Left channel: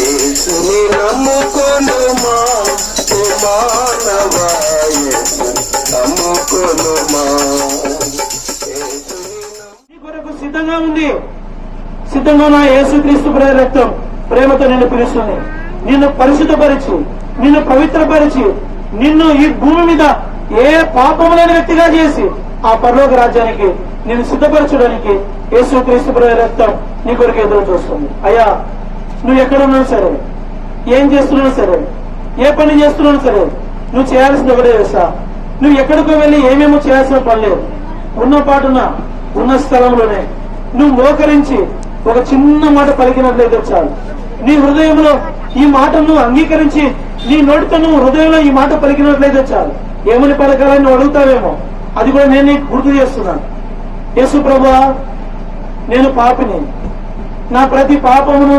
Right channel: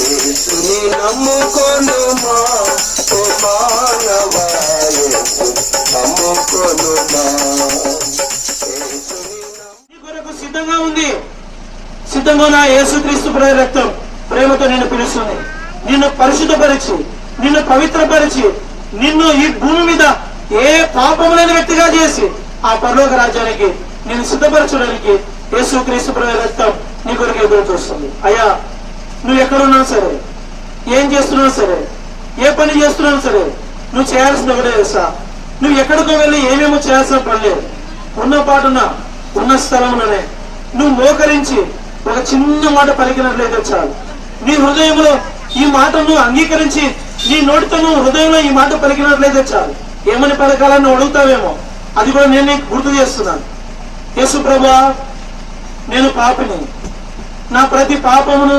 యేసుని నమ్ముకొనుమా ఓ మానవా, నమ్ముకొనుమా. నీ కొరకు సిద్ధంగా ఉంది. సిద్ధంగా నా యేసుక్రీస్తు రక్తం ప్రేమతో నిన్ను పిలుస్తుంది. నిన్ను పరిశుద్ధపరిచి, నిన్ను పవిత్రపరిచి, నిన్ను ఈ భూమి మీద ఏ పాపము లేని వ్యక్తిగా చేసి ఆ పరలోక రాజ్యానికి నిన్ను సిద్ధపరచడానికి యేసుక్రీస్తు రక్తం నీ కొరకు ఎదురు చూస్తుంది. అయ్యా, నువ్వు ఎక్కడున్నావు సరే, ఏం చేస్తున్నావు సరే, ఏ పని చేస్తున్నావు సరే, నువ్వు చేయాల్సింది ఒకటే తెలుసా? నువ్వు ఎక్కడికో వెళ్ళి ఏమేమో చేయాల్సిన పని లేదు. ఉన్న పాటున ఉన్న స్థలంలోనే నువ్వు మోకరించి ఒక చిన్న మాట పలికినట్లయితే చాలు. నీ హృదయంలో ఈ మాట నువ్వు అంగీకరించి, నీ నోటితో నువ్వు హృదయంలో ఈ మాట పలికినట్లయితే చాలు. ఏమని పలకాలని నువ్వు అడుగుతావేమో, అది కూడా నేను నీకు గుర్తు చేస్తున్నాను. యేసు ప్రభువా, నేను పాపిని, నా ప్రతి పాపమును